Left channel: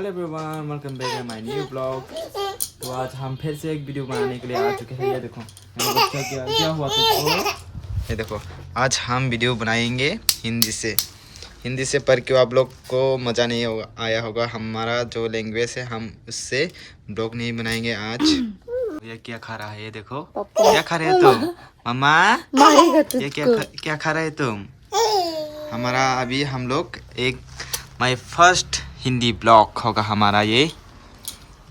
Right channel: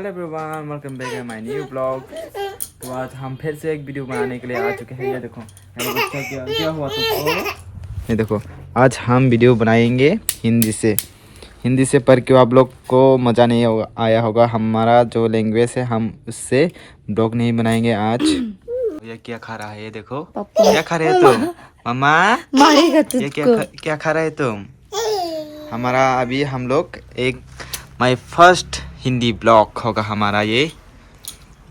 Hello everyone, welcome back to my new blog. तो आज हम फिर से एक वीडियो बनाने के लिए आ चुके हैं। ये देखो मेरा बच्चा क्या हुआ तुमको। ये देखो आज हम वीडियो बनाएंगे हिंदी से पढ़ के आप लोग को मज़ा नहीं आया होगा। हमारा जो लैंग्वेज है हम उससे ब्लॉग नहीं बनाएंगे आज। ये क्या खा रहा है? ये देखो क्या खा रहे हो तुम मम्मा? ये क्या खा रहे हो तुम? हमारा अभी हम लोग एक माय फर्स्ट हिंदी ब्लॉग होगा हमारा ये।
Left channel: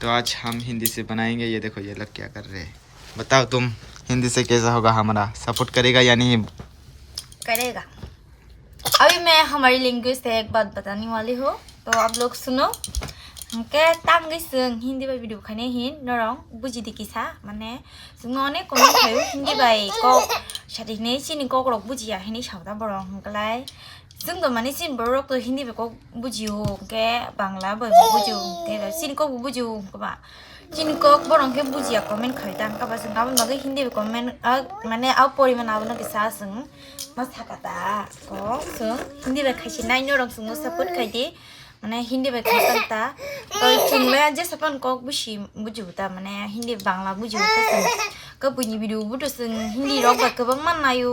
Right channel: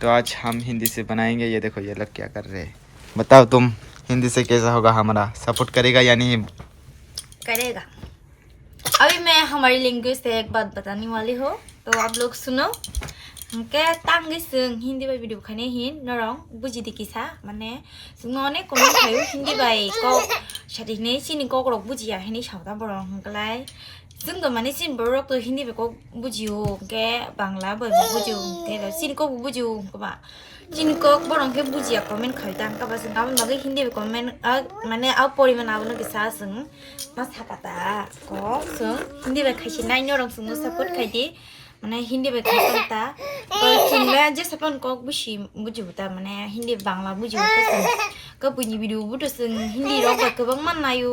तो आज हम हिंदी से बनाएंगे। ये देखो ये लोग क्या कर रहे हैं। बताओ तुम हिंदी से कैसा होगा? हमारा सपोर्ट करेगा या नहीं करेगा? अभी मैं हमारी लैंग्वेज से एक बात बताने वाली हूँ, तो आप लोग सुनो। हमके तांगे संग हिंदी बाई वीडियो खाने हिन नरंग बुझी दी किसा माने सुंगने कमेंट खायो हिंदी बाई को शादिने सिनी को रok बुझिया हिनी सावदा बरं हमकलाय जों तो माने सिन बरक तो हिंदी बेको बुझियो के बांग्ला बाई बुझियो के सिन को बुझियो कबा सिन को बरं के बुझिया कमेंट खायो तां कबा जों गाबन बागै हिंदी बे कमेंट माने आव परिमान आवनो किसा जों मासा कता को जों हिंदी बे खाइसे नाय नरंग जों सपोर्ट खाइदि माने हिंदी बाई खाइता जोंना जे सपन को बुझि बुझिबुता माने हिंदी बांग्ला बुझिबुता जों कबुनि भिडिअ बुथ जों हिंदी रक बाय गोबां माननायो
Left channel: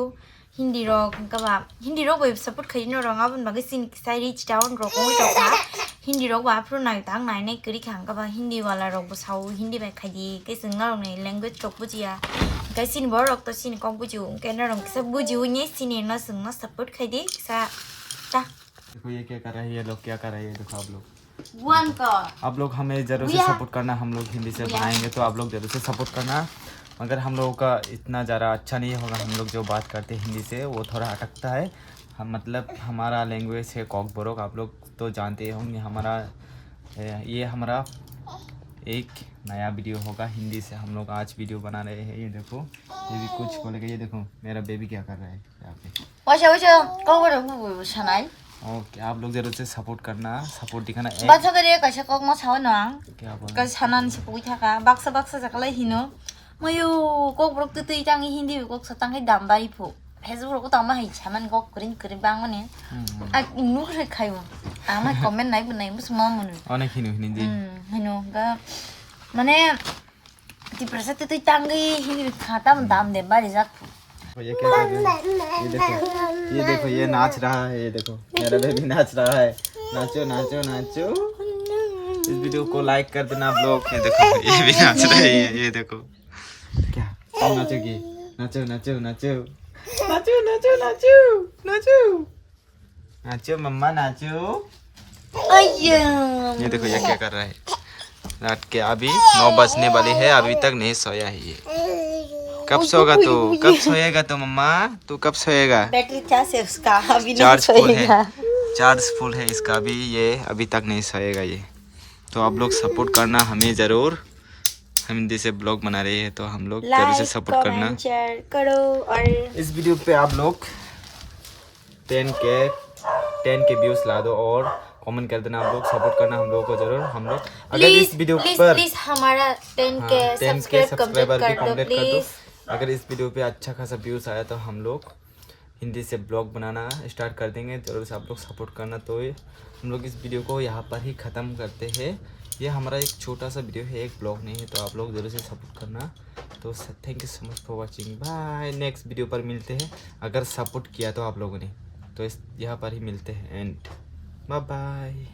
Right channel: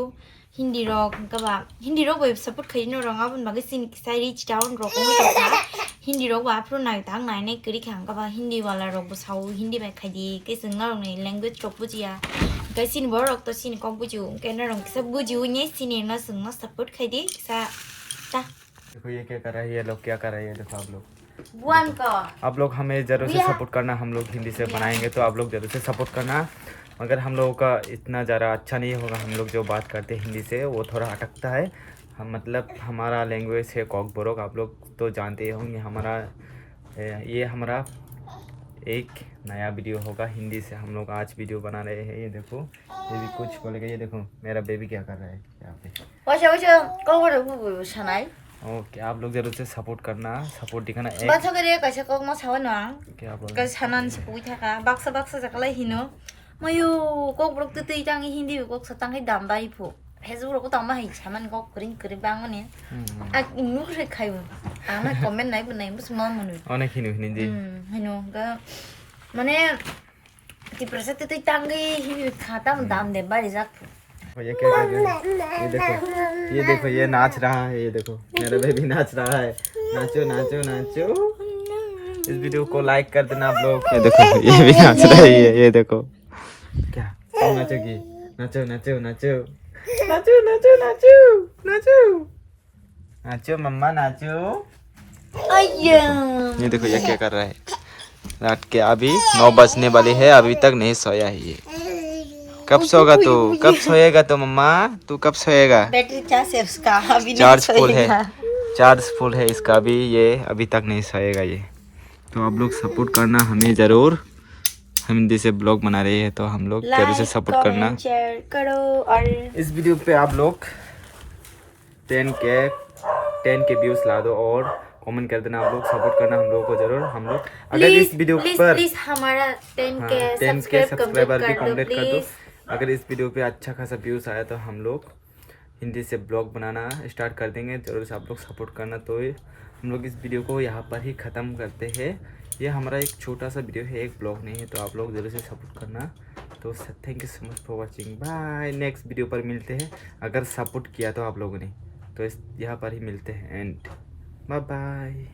हिंदी रक कबा हिंदी रक बाय सपोर्ट खाइनो रंग आबन बागै सिन साइ रिच डाउन रक उइता हिंदी रक बा फ्रो नाय तां नाय ने करि खां कबा हिंदी वाला रक बसाव हिंदी बाय खाइदि के जों ना रंग लैंग्वेज रक बुझिया के सिन बर रक तो सिन को बुझियो के ना रंग सब बुझियो ने सिन ना जों ना सपोर्ट खाइदि सा ता देखो ये क्या कर रहा है। ये लोग क्या कर रहे हैं? देखो आप लोग वन का आप लोग हमें ज़रूर से सपोर्ट करना। हम लोग हिंदी से बनाएंगे तो आप लोग ज़रूर से सपोर्ट करना। मगर हम लोगों का इतना ज़्यादा अच्छा नहीं होगा। हम लोग जो बात करते हैं हिंदी से वो थोड़ा अटकता है। हम मतलब हमारा लैंग्वेज है कॉक बोरोक। आप लोग तो जानते होंगे। ये हमारा एक नया वीडियो होगा हिंदी से। हम लोग आज वीडियो बना रहे हैं। ये देखो ये भी कुछ बोलेगा। ये देखो मेरा बेबी क्या कर रहा है यहाँ पे। ओके आप लोग जरूर से सपोर्ट करना, सपोर्ट दिखाना। बाचा करे कैसे कक मा साव नang क्या बोल का सानान से पुई थाका बाक्सा जाकला हिनो मयो कक ब्रक तै तांgi हिंदी कक सतां है दाम बाई फु हेजु रक तामा है सामान कक करिन बांग माने आ नु रे खायो आमा कमेन्ट नाय बनाय मुस मा मनु अनेक हिंदी हिनो गा माने ति प्रसा तै तांgi हिंदी खाता दाम दे बारी जाक ये क्या कर रहे हैं? ये देखो ये नाच रहा है। ये देखो मेरा बेबी नाच रहा है। नाचो नाचो नाचो। इस वीडियो को लाइक कर देना आप लोग। ये देखो ये भी नाच रहा है। ये देखो क्या तुम नाचोगी? नाचो नाचो नाचो नाचो नाचो नाचो नाचो नाचो मम्मा नाचो। ये देखो ये क्या कर रहा है। रात के अभी 9 बजने वाले हैं, अभी तक नहीं सोया है ये। कब सोगा तू? कब सोएगा तो मम्मा? तू कब सोएगा? बैटरी चार्ज है उसका अभी चार्ज फुल है। चार्ज फुल है इसका अभी। ये अभी तक नहीं सोएगा ये। तो आप लोग सपोर्ट करना हमें ज़रूर। हम हिंदी से ब्लॉग बना रहे हैं तो हम लोग ज़रूर से सपोर्ट करना। शेयर करो और इस वीडियो पे आप लोग 10 के व्यूज ला दो और कमेंट कर देना। आप लोग सपोर्ट करना हम लोगों को ज़रूर। हम लोग अगर इस वीडियो पर प्लीज हमारा 10 के सब्सक्राइबर भी कंप्लीट कर दो। अगर इस वीडियो पे अच्छा खासा व्यूज़ आया तो हम लोग हिंदी से ब्लॉग बनाना स्टार्ट कर देंगे। ज़रूर से आप लोग सपोर्ट करना। तो हम लोग इस वीडियो को यहाँ पर ही ख़त्म करते हैं। ये हमारा एक छोटा सा वीडियो है, एक ब्लॉग नहीं है। तो आप लोग ज़रूर से सपोर्ट करना। तो thank you so much for watching. Bye. Next video पर मिलते हैं। अगर सपोर्ट किया तो आप लोगों ने तो यहाँ पर ही मिलते हैं एंड बाय बाय।